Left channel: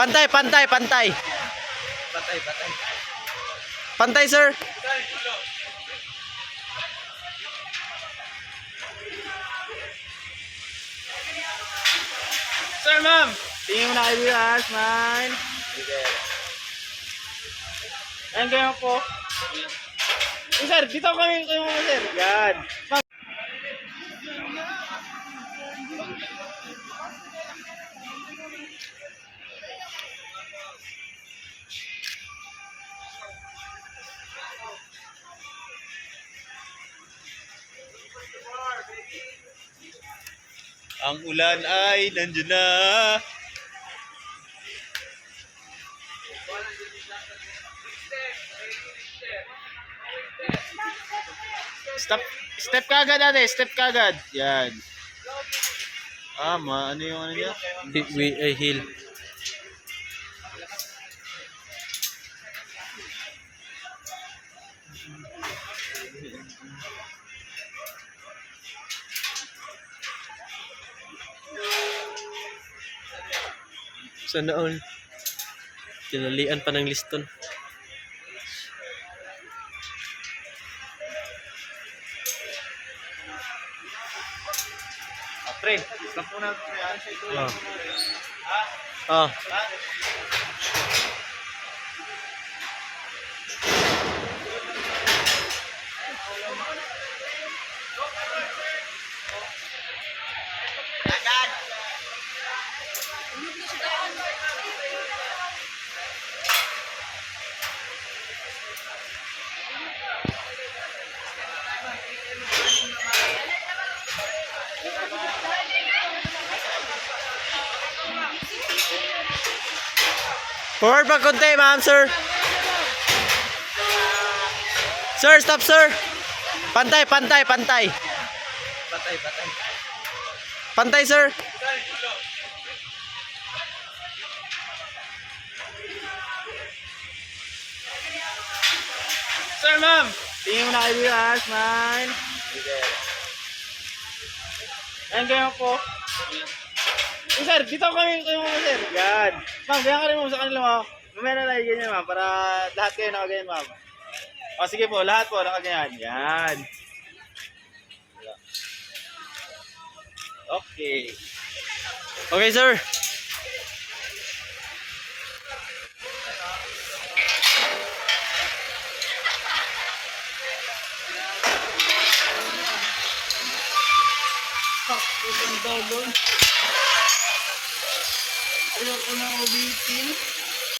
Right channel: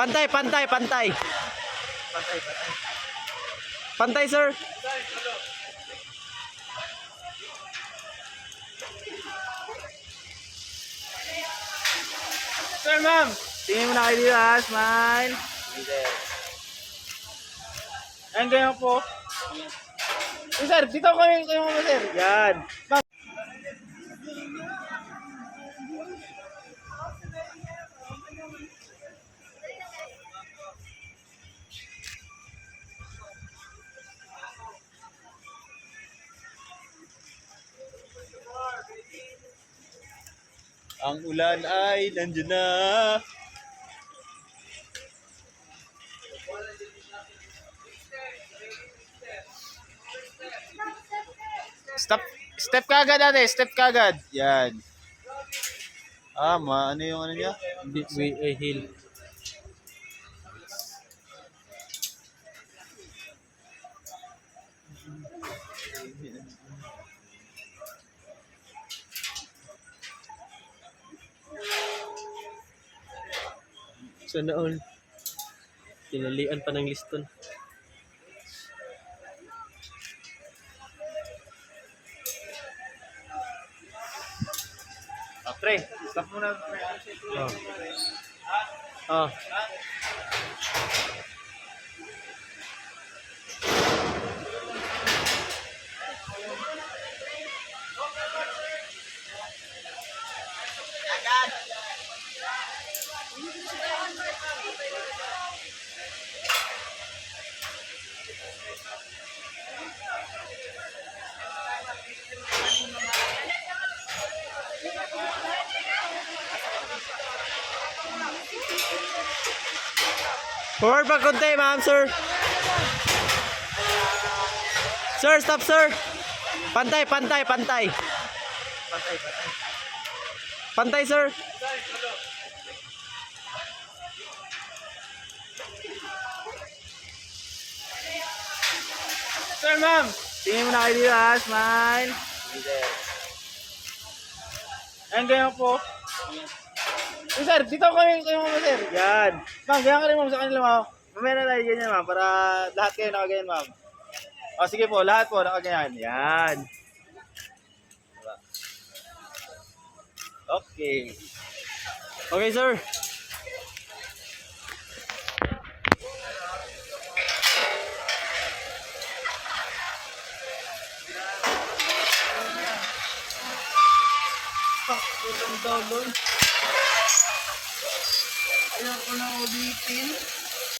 Pantay, pantay, pantay. Pantay, sir. Sir, ma'am. Tingin mo na kayo dito, ha? Smile. Ayan kayo po. Sir, dito kayo muna, sir. Yan. Ma'am. Ang ulan ay nandiyan na. Step kagad ate, step kagad. Yan. Ano yung ano niya? Hill. Sana all. Tinalian pa ng liston. Pre, stop muna. Ah. Ah. Forward pa konti, ma'am, sir. Sir, stop, sir. Pantay, pantay, pantay. Pantay, sir. Sir, ma'am. Tingin mo na kayo dito, ha? Smile. Ayan kayo po. Sir, dito kayo muna, sir. Yan. Ma'am, ganyan ka rin, ma'am, sa kanila, ma'am. Mamaya na tayo ganyan, ma'am, para lahat kayo nakaganyan, ma'am. O, sige po, lahat po nakaganyan. Yan. Okay. Okay, sir. Putang daw doon. Ayaw ko na ulitin.